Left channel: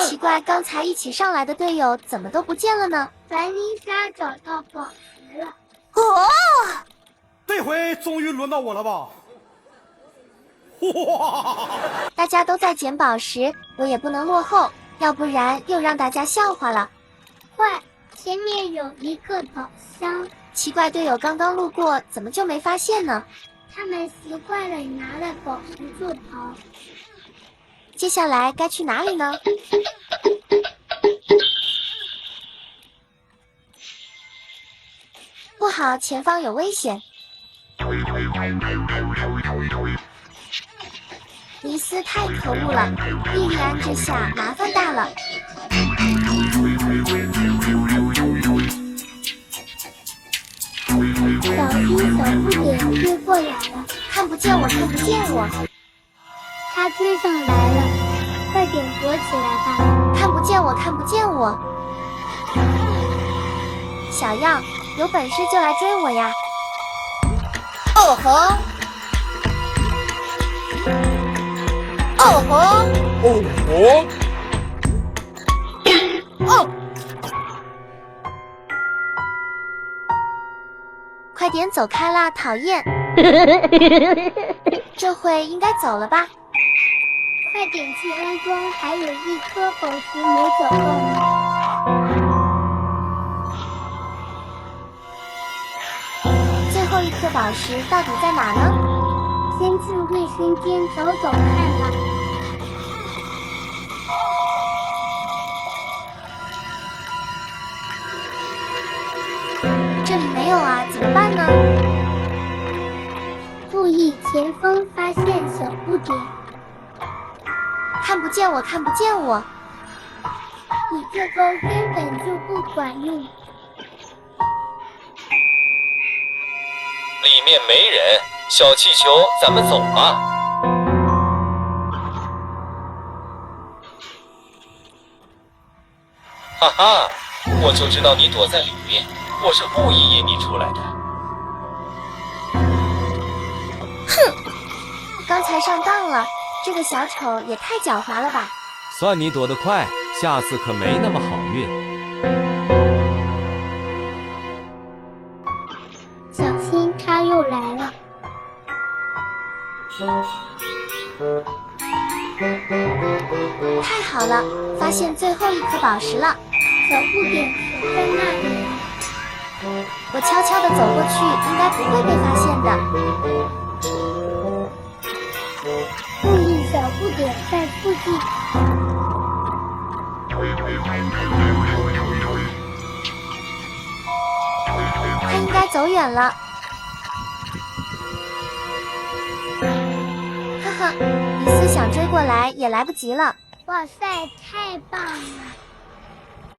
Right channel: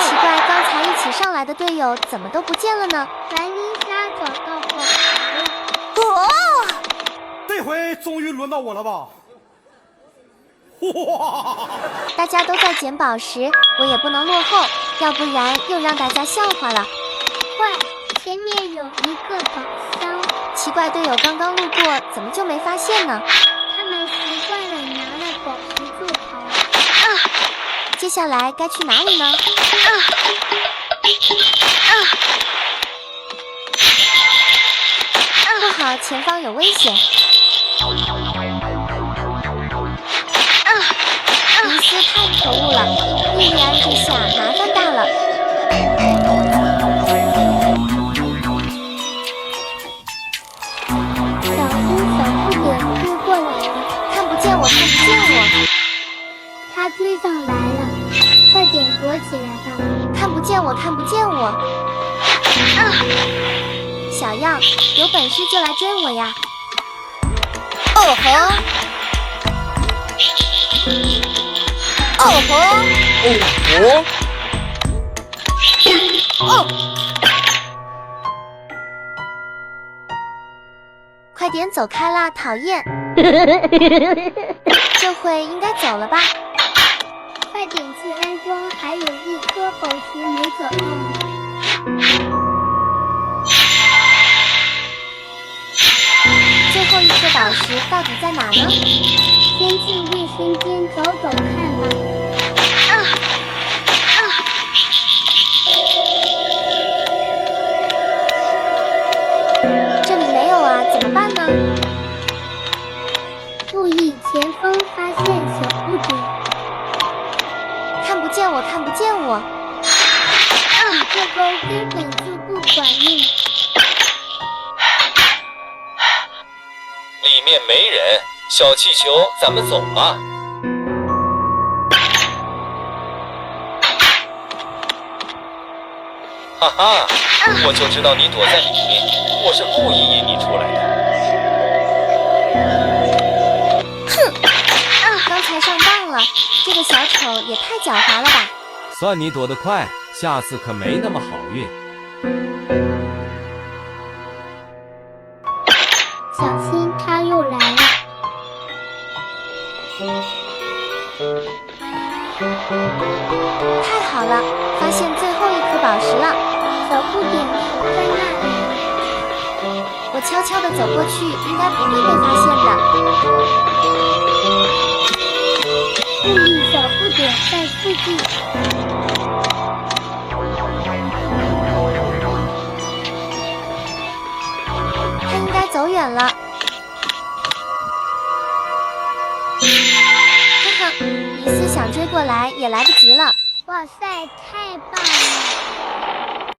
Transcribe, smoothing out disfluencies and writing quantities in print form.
奇怪，刚才一起上来的队友怎么都不见了呢？凡妮莎找到宝石了。哦，这回终于轮到我了吧？哇！大家都在捡宝石，我也不能落后，要不然又让大家笑话了。快，前面有一个宝箱。奇怪，队友刚刚路过，怎么就没发现呢？他们习惯了拿了宝石就跑。接下来该去哪里呢？不好，前方有危险！尼斯太可恶了，莉莉安这下麻烦大了。小心，小不点追过来了。看不见我，看不见我。他追上来了，快点躲起来吧！看不见我，看不见我。小样，有本事就来追我呀！哦吼！哦吼！哦哦！快点走开啦，讨厌！这回应该走了吧？快点去安装，还有一颗宝石没找到呢。最后一颗宝石到底在哪呢？先去卫生间找找看吧。这里没有啊，怎么办呢？注意前方，发现小不点。看不见我，看不见我。你这招根本就不管用。里面没人，小气球，咱们走吧。哈哈，我就知道你躲在里面，我是故意引你出来的。刚才上当了，这个小丑也太狡猾了吧！算你躲得快，下次可没那么好运。小心，他又来了。太好了，发现最后一颗宝石了。小不点守在那里。我悄悄地走过去，应该不会被发现的。注意，小不点在附近。他应该走远了。哈哈，尼斯想追过来也来不及了。哇塞，太棒了！